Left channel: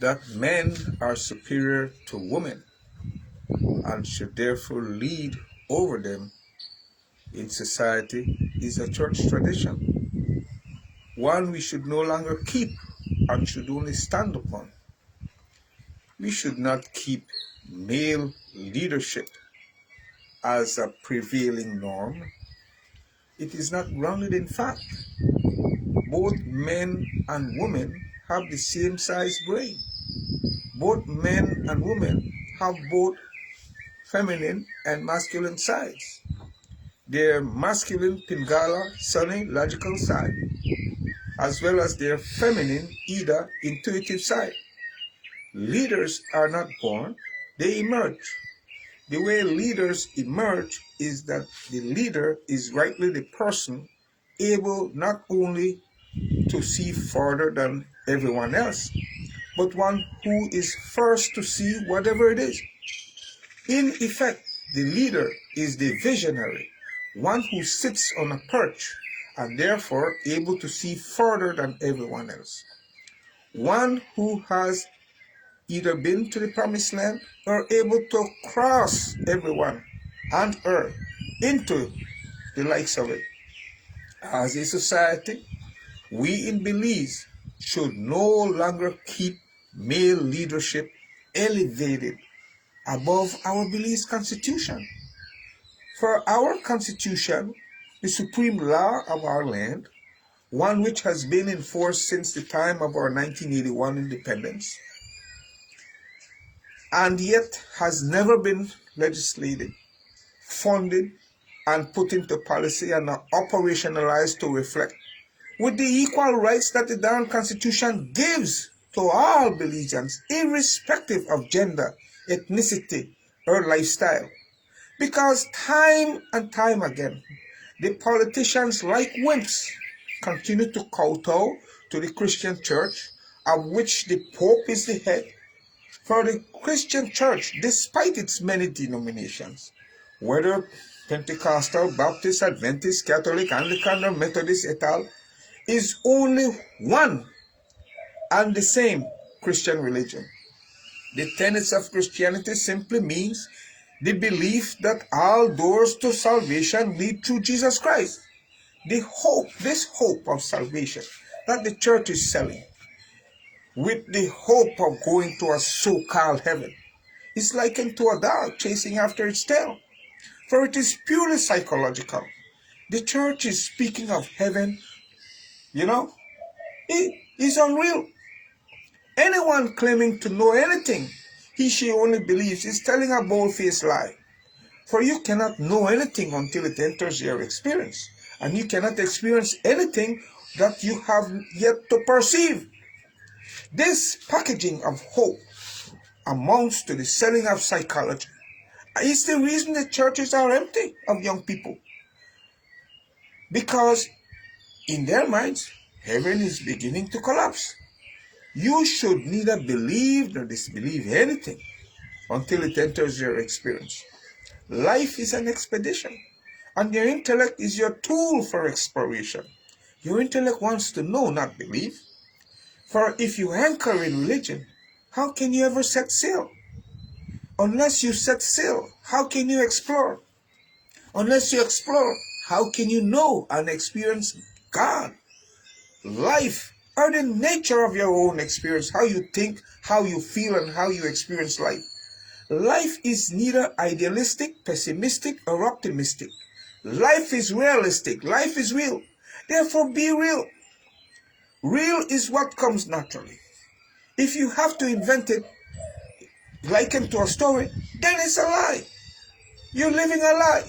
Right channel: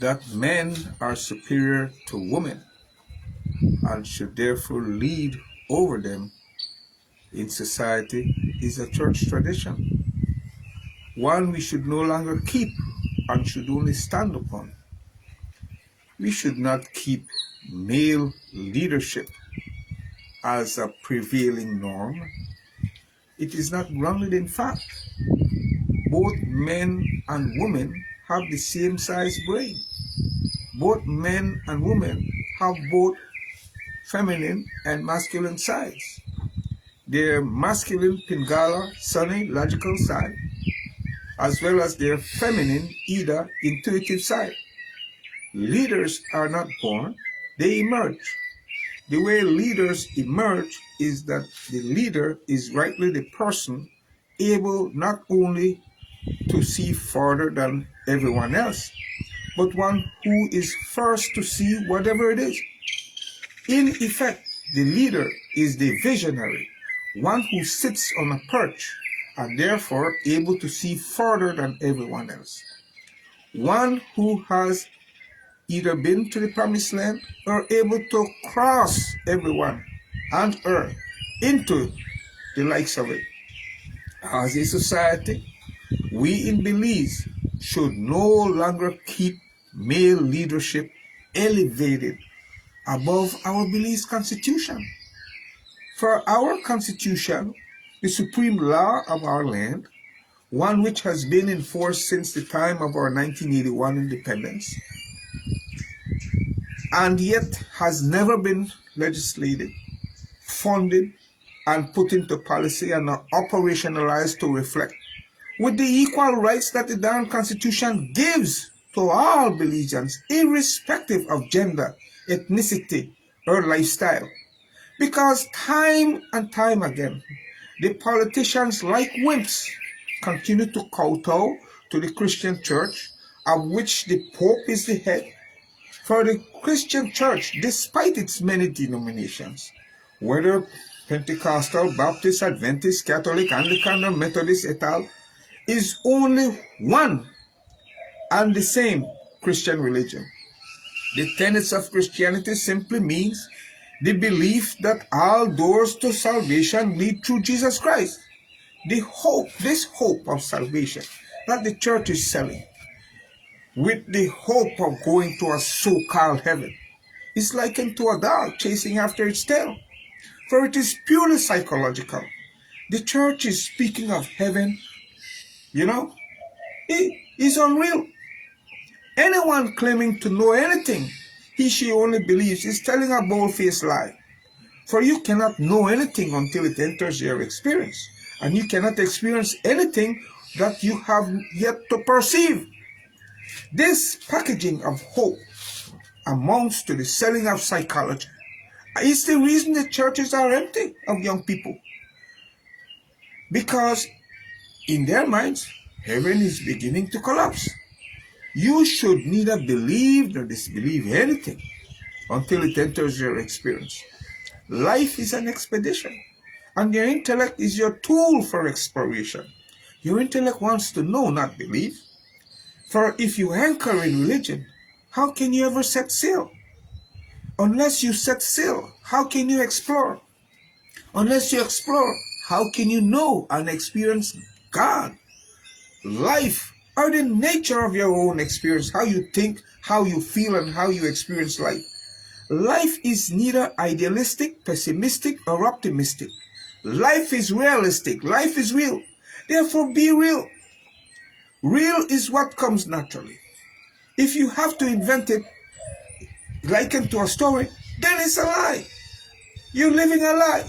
that men are superior to women and should therefore lead over them in society is a church tradition, one we should no longer keep and should only stand upon. We should not keep male leadership as a prevailing norm. It is not grounded in fact. Both men and women have the same size brain. Both men and women have both feminine and masculine sides. Their masculine Pingala, Sunny, logical side, as well as their feminine Ida, intuitive side. Leaders are not born, they emerge. The way leaders emerge is that the leader is rightly the person able not only to see further than everyone else, but one who is first to see whatever it is. In effect, the leader is the visionary, one who sits on a perch and therefore able to see further than everyone else. One who has either been to the promised land or able to cross everyone and her into the likes of it. As a society, we in Belize should no longer keep male leadership elevated above our Belize Constitution. For our Constitution, the supreme law of our land, one which has been in force since the time of our 1981 independence, and yet has never been legislated, funded, and put into policy and operationalized to reflect with the equal rights that the darn Constitution gives to all Belizeans, irrespective of gender, ethnicity, or lifestyle. Because time and time again, the politicians, like wimps, continue to kowtow to the Christian church, of which the Pope is the head. For the Christian church, despite its many denominations, whether Pentecostal, Baptist, Adventist, Catholic, Anglican, or Methodist et al., is only one and the same Christian religion. The tenets of Christianity simply means the belief that all doors to salvation lead through Jesus Christ. This hope of salvation that the church is selling, with the hope of going to a so-called heaven, is likened to a dog chasing after its tail, for it is purely psychological. The church is speaking of heaven, it is unreal. Anyone claiming to know anything she only believes is telling a bold-faced lie. For you cannot know anything until it enters your experience, and you cannot experience anything that you have yet to perceive. This packaging of hope amounts to the selling of psychology. It's the reason the churches are empty of young people. Because in their minds, heaven is beginning to collapse. You should neither believe nor disbelieve anything until it enters your experience. Life is an expedition, and your intellect is your tool for exploration. Your intellect wants to know, not believe. For if you anchor in religion, how can you ever set sail? Unless you set sail, how can you explore? Unless you explore, how can you know and experience God, life, or the nature of your own experience, how you think, how you feel, and how you experience life? Life is neither idealistic, pessimistic, or optimistic. Life is realistic. Life is real. Therefore, be real. Real is what comes naturally. If you have to invent it, likened to a story, then it's a lie. You're living a lie.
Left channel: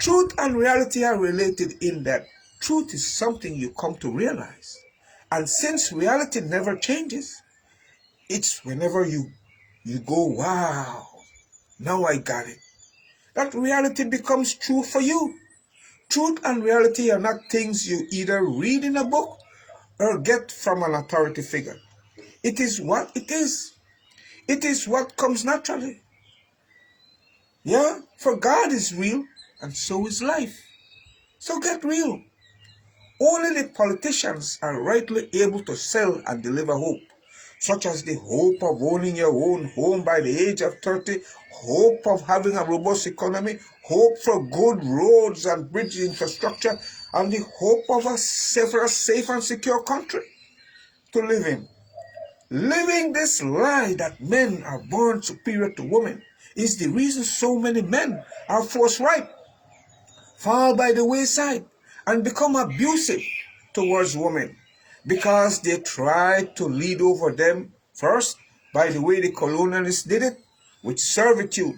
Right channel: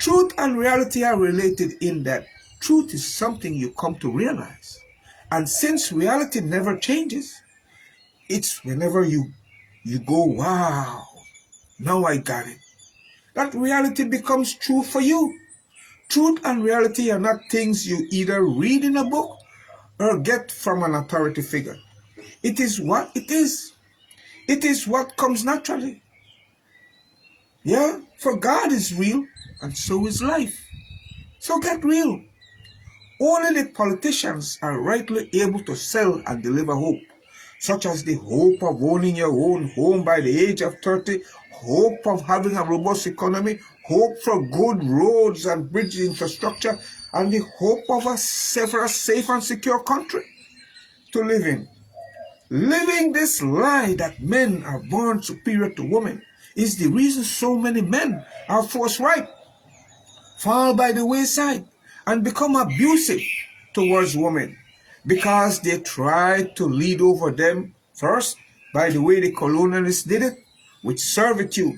Truth and reality are related in that truth is something you come to realize. And since reality never changes, it's whenever you go, wow, now I got it, that reality becomes true for you. Truth and reality are not things you either read in a book or get from an authority figure. It is what it is. It is what comes naturally. Yeah, for God is real, and so is life. So get real. Only the politicians are rightly able to sell and deliver hope. such as the hope of owning your own home by the age of 30, hope of having a robust economy, hope for good roads and bridge infrastructure, and the hope of a safe and secure country to live in. Living this lie that men are born superior to women is the reason so many men are forthright, fall by the wayside, and become abusive towards women, because they tried to lead over them first by the way the colonialists did it, with servitude,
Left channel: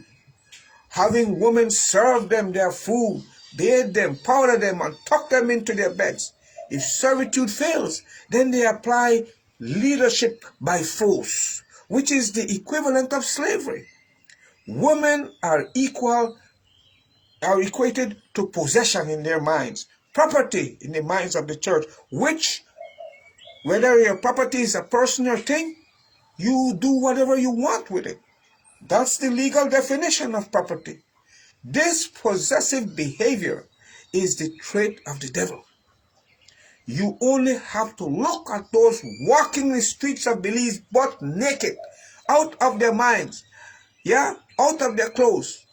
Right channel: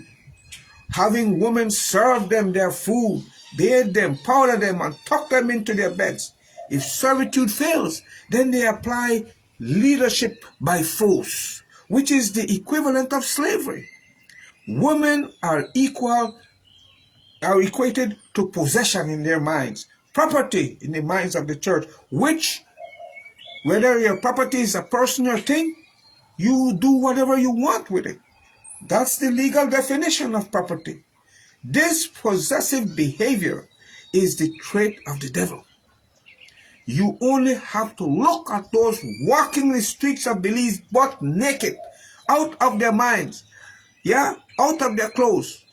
having women serve them their food, bathe them, powder them, and tuck them into their beds. If servitude fails, then they apply leadership by force, which is the equivalent of slavery. Women are equated to possession in their minds, property in the minds of the church, which, whether your property is a person or thing, you do whatever you want with it. That's the legal definition of property. This possessive behavior is the trait of the devil. You only have to look at those walking the streets of Belize butt naked, out of their minds, out of their clothes.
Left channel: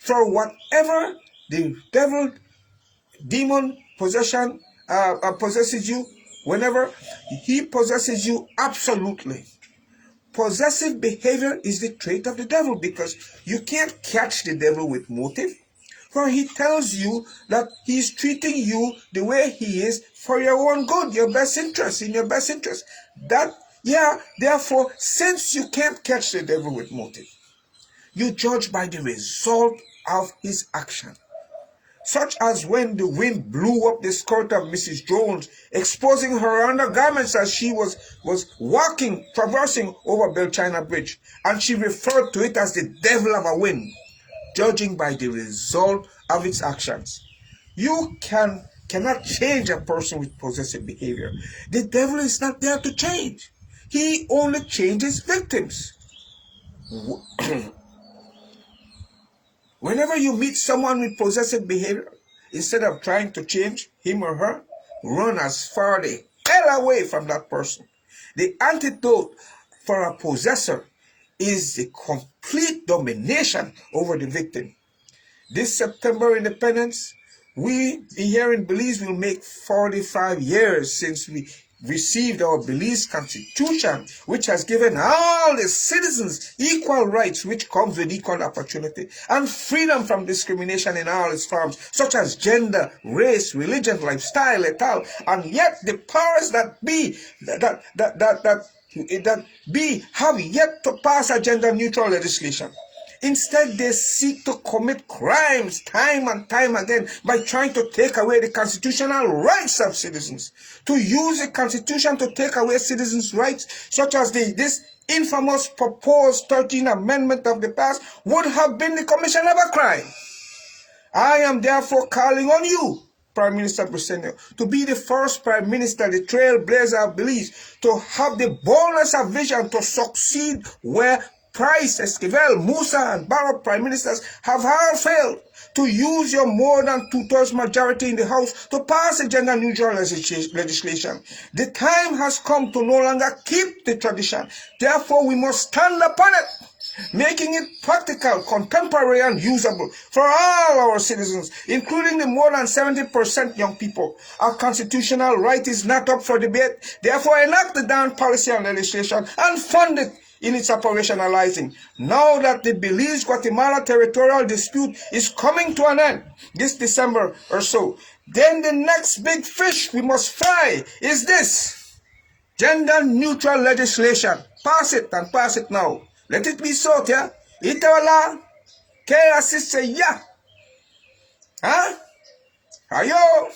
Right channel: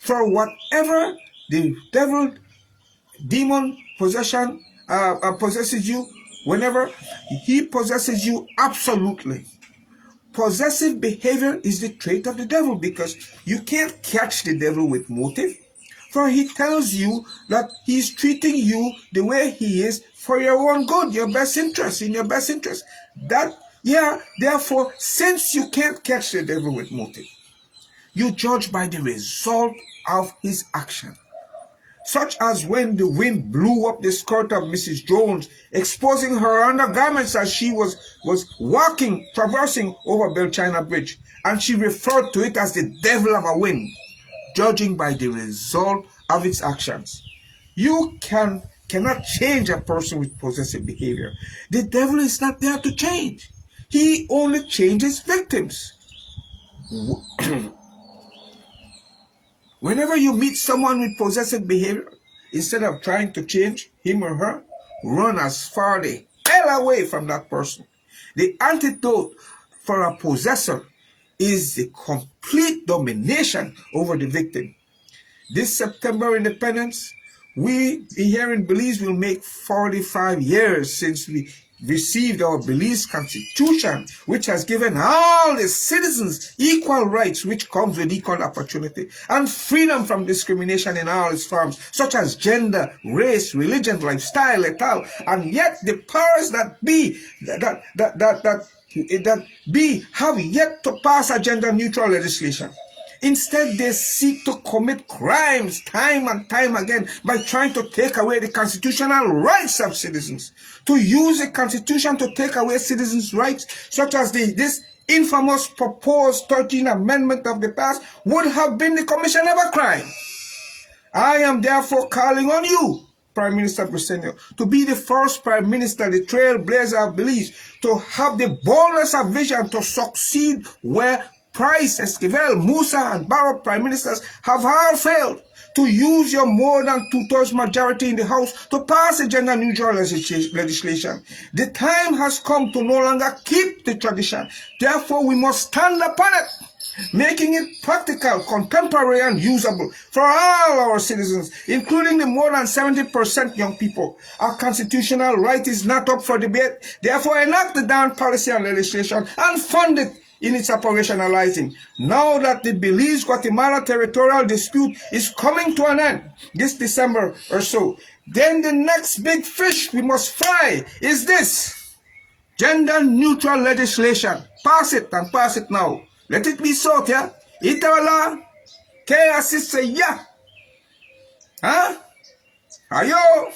For whatever the demon possession possesses you, whenever he possesses you, absolutely. Possessive behavior is the trait of the devil, because you can't catch the devil with motive. For he tells you that he's treating you the way he is for your own good, your best interest, in your best interest. Therefore, since you can't catch the devil with motive, you judge by the result of his action. Such as when the wind blew up the skirt of Mrs. Jones, exposing her undergarments as she was traversing over Belchina Bridge, and she referred to it as the devil of a wind, judging by the result of its actions. You cannot change a person with possessive behavior. The devil is not there to change. He only changes victims. Whenever you meet someone with possessive behavior, instead of trying to change him or her, run as far the hell away from that person. The antidote for a possessor is the complete domination over the victim. This September Independence, we here in Belize will make 45 years since we received our Belize Constitution, which has given all the citizens equal rights, which comes with equal opportunity, and freedom from discrimination in all its forms, such as gender, race, religion, lifestyle, et al. And yet the powers that be have yet to pass a gender-neutral legislation. Instead, they seek to commit crimes time and time again by trying to take away the constitutional rights of citizens. To use the Constitution to take away citizens' rights, such as this infamous proposed 13th Amendment of the past, would have been the commission of a crime. I am therefore calling on you, Prime Minister Briceño, to be the first Prime Minister, the trailblazer of Belize, to have the boldness of vision to succeed where Price, Esquivel, Musa, and Barrow Prime Ministers have all failed, to use your more than two-thirds majority in the House to pass a gender-neutral legislation. The time has come to no longer keep the tradition. Therefore, we must stand upon it, making it practical, contemporary, and usable for all our citizens, including the more than 70% young people. Our constitutional right is not up for debate. Therefore, enact the damn policy and legislation and fund it in its operationalizing. Now that the Belize-Guatemala territorial dispute is coming to an end this December or so, then the next big fish we must fry is this gender-neutral legislation. Pass it, and pass it now. Let it be so, yeah? Itola, kaya sisa ya. Huh? Ayo.